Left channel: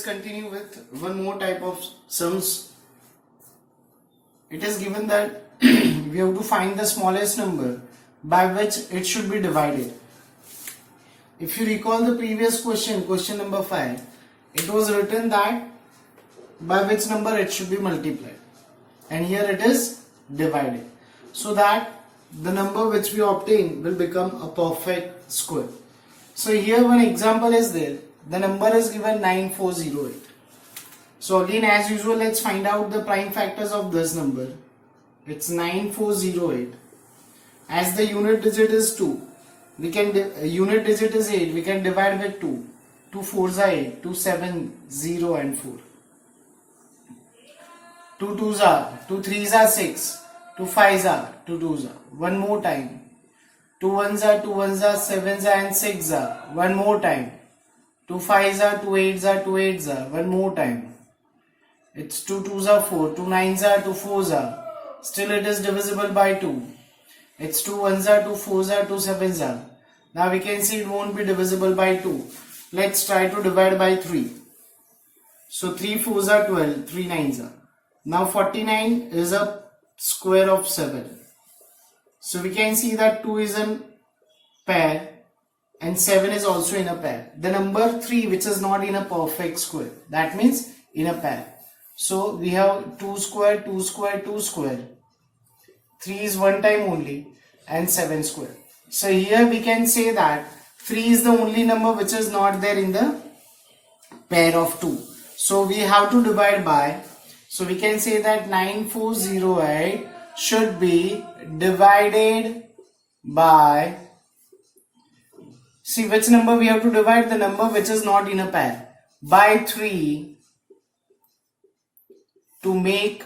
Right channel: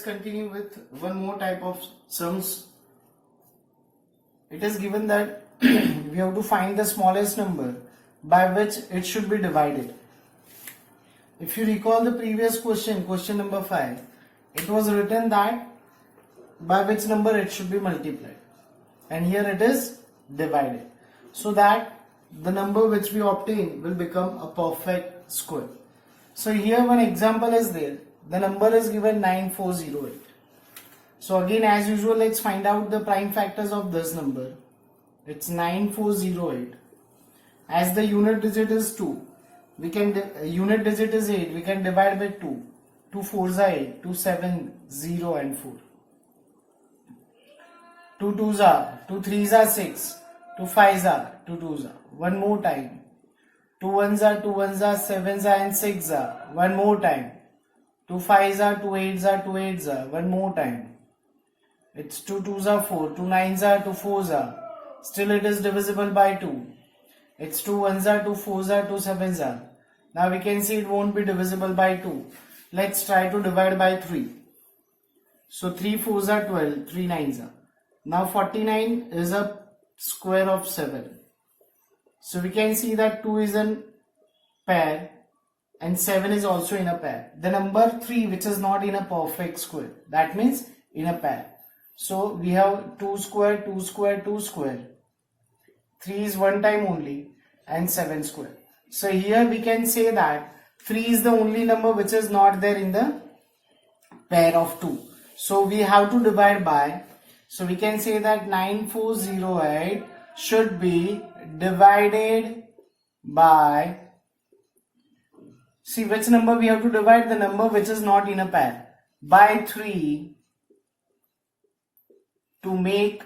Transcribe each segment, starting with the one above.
us continue with one more type of sums. It is given that we have to find the smallest number by which it should be divided. If you recall the previous question, question number 5, it was written that by which number it should be multiplied, and here it is divided, so that the number which we obtain will become a perfect square. So here one example is there. The number is given 9408. So again, as usual, let's find out the prime factors of this number. It's 9408. As the unit digit is 2, we can unit digit is 8, we can divide with 2. 2 4s are 8, 2 7 0 and 4. 2 2s are, 2 3s are 6, 2 5s are, 2 2s are. One more time. 2 1s are, 2 1s are, 7s are and 6s are. One more time. 2 5s are, 2 8s are, 2 8s are. One more time. It's 2 2s are 4, 2 9s are, 2 4s are. Still it is divisible by 2. It's 2 1s are, 2 4s are, 2 7s are. Now we can see it won't be divisible by 2. Let's try to divide by 3. So 3 4s are 12, 3 9s are. Now 49 is a square of 7. So we can see that 2 is in pair and 7 is also in a pair. The number 3 which is not in a perfect square, that means in a pair. So we have 2 square, 2 square, 2 square. 3 is one time only and 7 square. So here we can say that 3 is the only number which is not there in the pair of 2. So we have to divide by. So we can say that 9408 should be divided by, see which number we have to divide, the number which is not in a pair, by 3 to make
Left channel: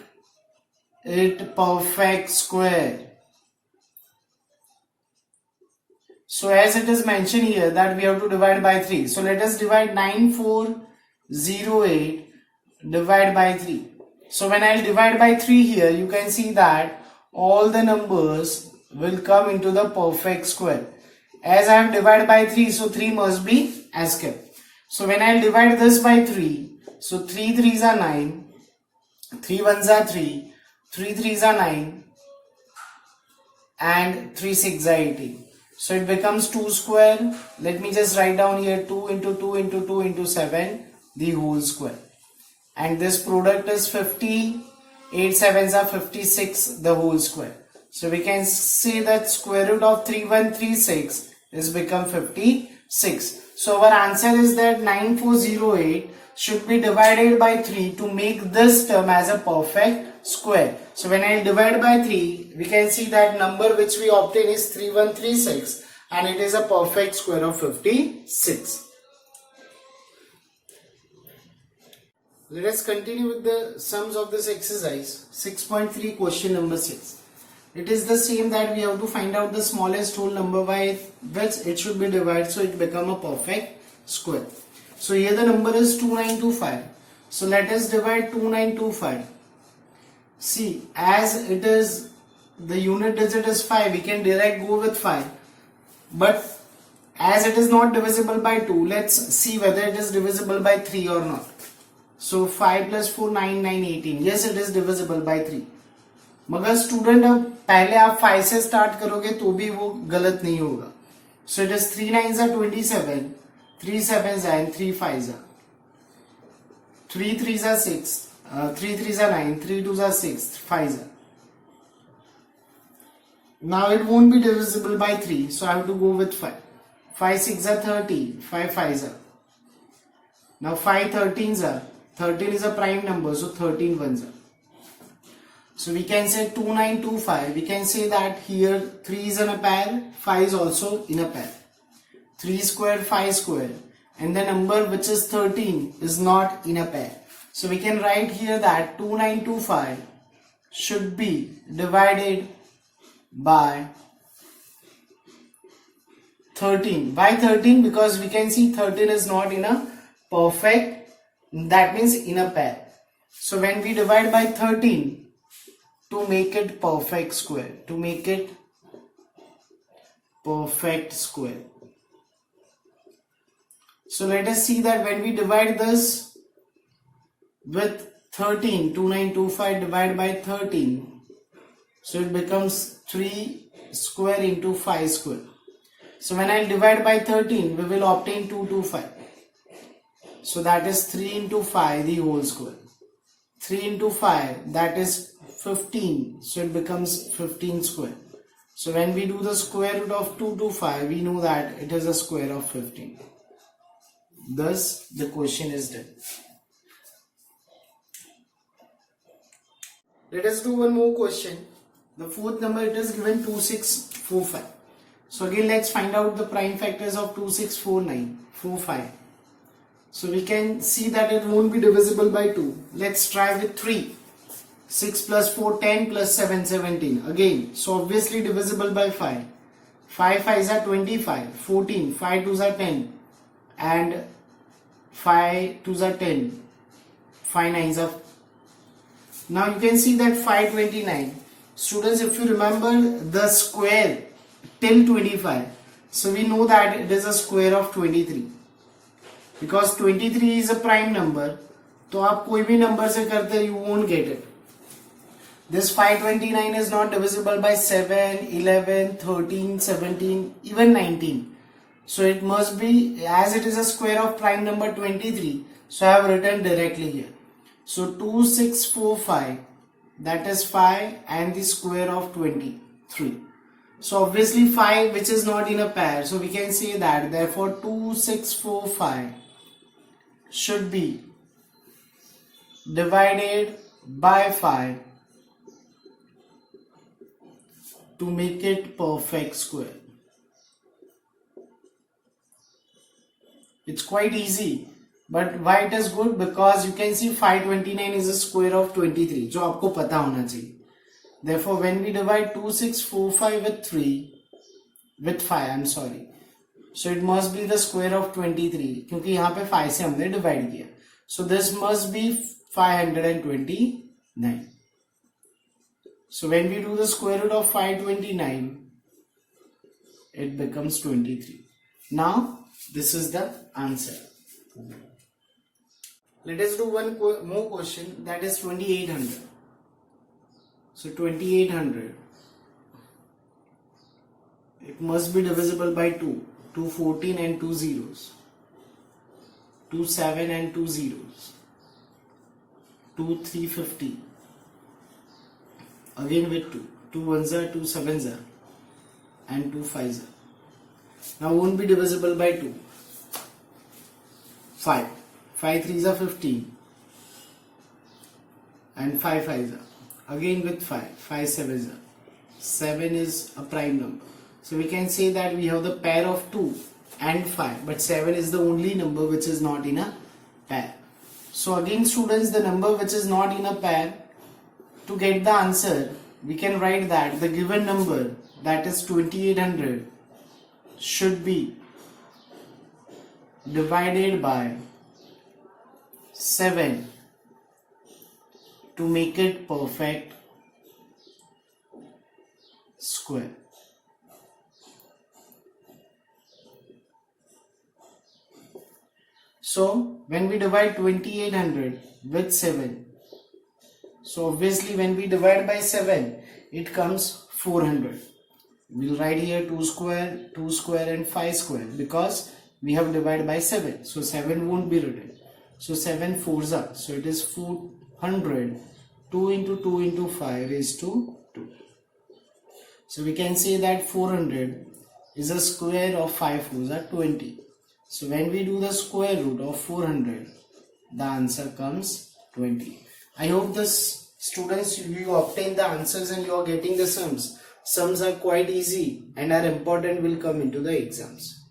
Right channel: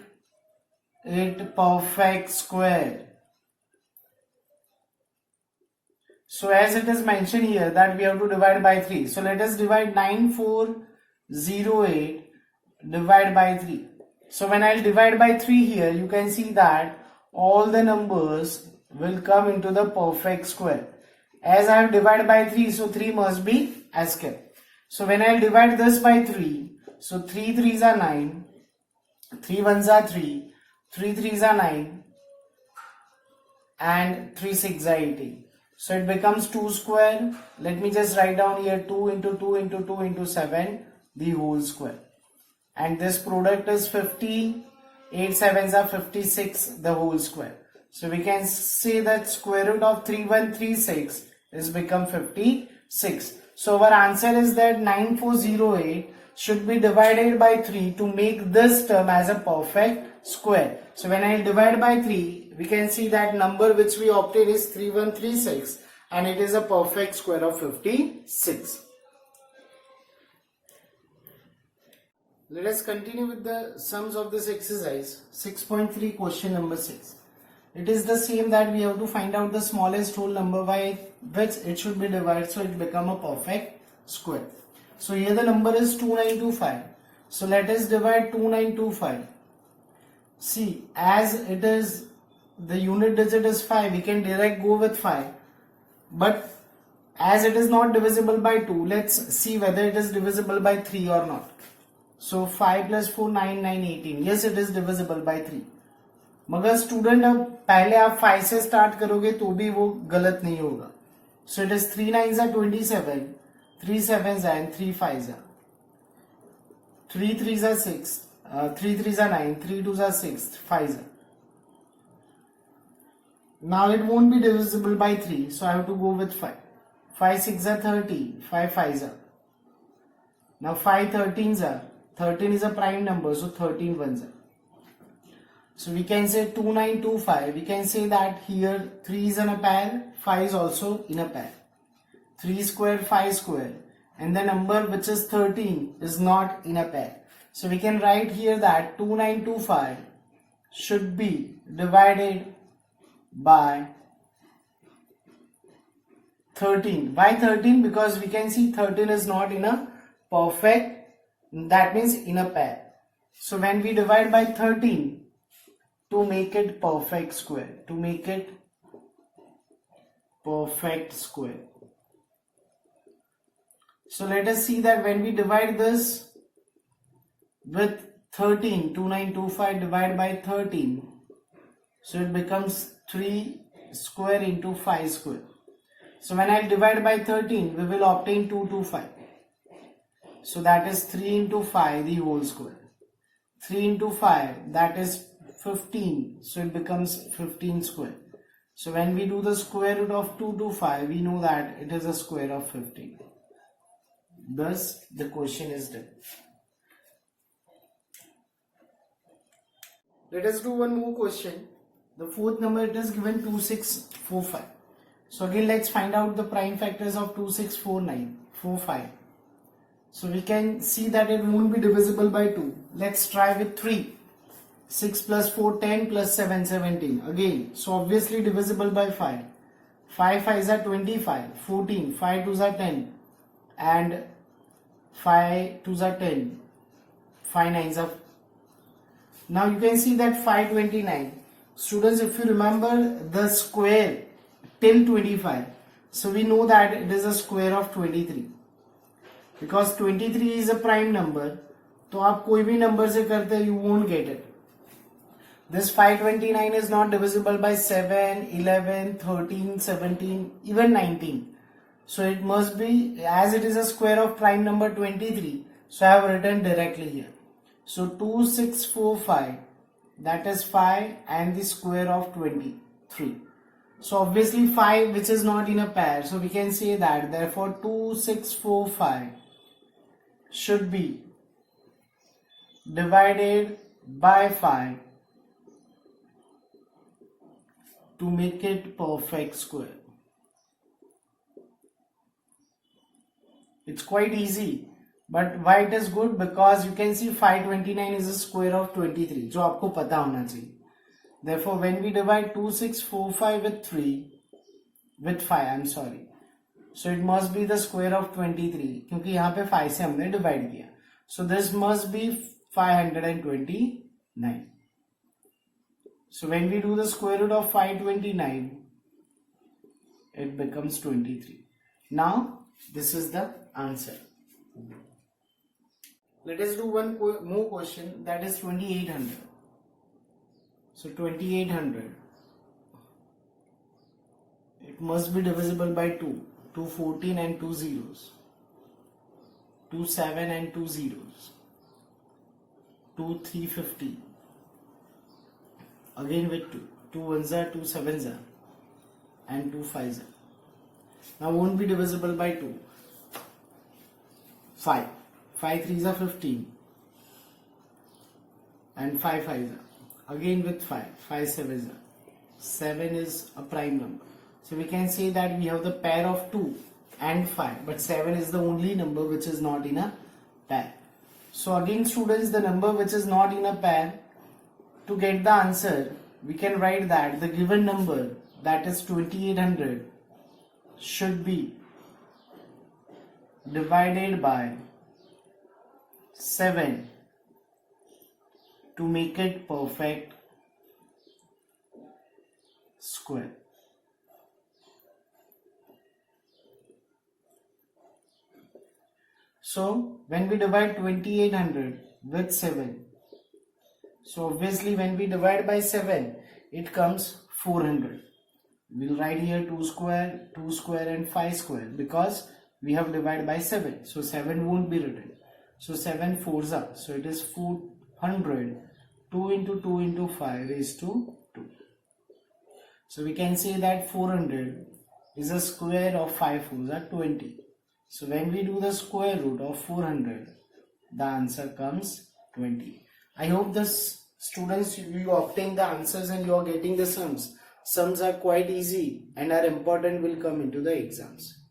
it perfect square. So as it is mentioned here that we have to divide by 3. So let us divide 9408 divide by 3. So when I divide by 3 here, you can see that all the numbers will come into the perfect square. As I have divided by 3, so 3 must be as kept. So when I divide this by 3, so 3 3s are 9, 3 1s are 3, 3 3s are 9 and 3 6 are 18. So it becomes 2 square. Let me just write down here 2 into 2 into 2 into 7, the whole square. And this product is 50, 8 7s are 56, the whole square. So we can say that square root of 3136 is become 56. So our answer is that 9408 should be divided by 3 to make this term as a perfect square. So when I divide by 3, we can see that number which we obtain is 3136 and it is a perfect square of 56. Let us continue with the sums of this exercise. 6.3 question number 6. It is the same that we have to find out the smallest whole number by which it should be divided so it become a perfect square. So here the number is 2925. So let us divide 2925. See, as it is the unit digit is 5, we can direct go with 5. But as it is not divisible by 2, let's see whether it is divisible by 3 or not. So 5 plus 4 9 9 18. Yes, it is divisible by 3. मगर student अब पहले आप 5 से start करोगे तो भी वो गलत नहीं होगा. So it is 3 9s are 27, 3 7s are and 3 5s are. 3 3s are 6, 3 3s are 9, 3 2s are 6, 5s are. Now it won't be divisible by 3, so I have to go with 5. 5 6 are 30, 5 5s are. Now 5 13s are. 13 is a prime number, so 13 ones are. So we can say 2925. We can say that here 3 is in a pair, 5 is also in a pair. 3 square, 5 square, and the number which is 13 is not in a pair. So we can write here that 2925 should be divided by 13. Why 13? Because we can see 13 is not in a perfect, that means in a pair. So when we divide by 13 to make it perfect square, to make it perfect square. So let us see that when we divide this with 13, 2925 divided by 13. So it becomes 3 square into 5 square. So when I divide by 13, we will obtain 225. So that is 3 into 5 the whole square. 3 into 5, that is 15. So it becomes 15 square. So when we do the square root of 225, we know that it is a square of 15. Thus, the question is done. Let us do one more question. The fourth number, it is given 2645. So again, let's find out the prime factors of 2645. So we can see that it won't be divisible by 2. Let's try with 3. 6 plus 4, 10 plus 7, 17. Again, so obviously divisible by 5. 5 5s are 25. 14. 5 2s are 10. And 5 2s are 10. 5 9s are. Now you can see that 529. Students, if you remember the square till 25. So we know that it is a square of 23. Because 23 is a prime number. तो आप कोई भी number से करते you won't get it. This 529 is not divisible by 7, 11, 13, 17, even 19. So it must be, as it is a square of prime number 23. So I have written directly here. So 2645, that is 5 and the square of 23. So obviously 5 which is not in a pair. So we can say that therefore 2645 should be divided by 5 to make it perfect square. It's quite easy. But why it is good? Because you can see 529 is a square of 23. जो आपको पता होना चाहिए. Therefore, when we divide 2645 with 3, with 5, I'm sorry. So it must be the square of 23. क्योंकि यहाँ पे 5 से हमने divide किया. So this must be 529. So when we do the square root of 529, it becomes 23. Now, this is the answer. Let us do one more question, that is 2800. So 2800, it must be divisible by 2. 2 14 and 2 zeros. 2 7 and 2 zeros. 2 350. Again with 2. 2 1s are, 2 7s are, and 2 5s are. Now won't be divisible by 2. 5. 5 3s are 15. And 5 5s are. Again with 5. 5 7s are. 7 is a prime number. So we can say that we have the pair of 2 and 5. But 7 is the only number which is not in a pair. So again students, the number which is not in a pair, to get the answer, we can write that the given number, that is 2800, should be divided by 7 to make it perfect square. So when we divide 2800 with 7, so obviously when we divide by 7, it comes 400. We'll write here 2 square and 5 square because we have divided by 7. So 7 won't be written. So 7 4s are. So it is 400. 2 into 2 into 5 is to 2. So we can say that 400 is a square of 5 4s are 20. So when we do the square root of 400, the answer comes 20. I hope this students, you obtain the answers and you are getting the sums. Sums are quite easy and are important, will come into the exams.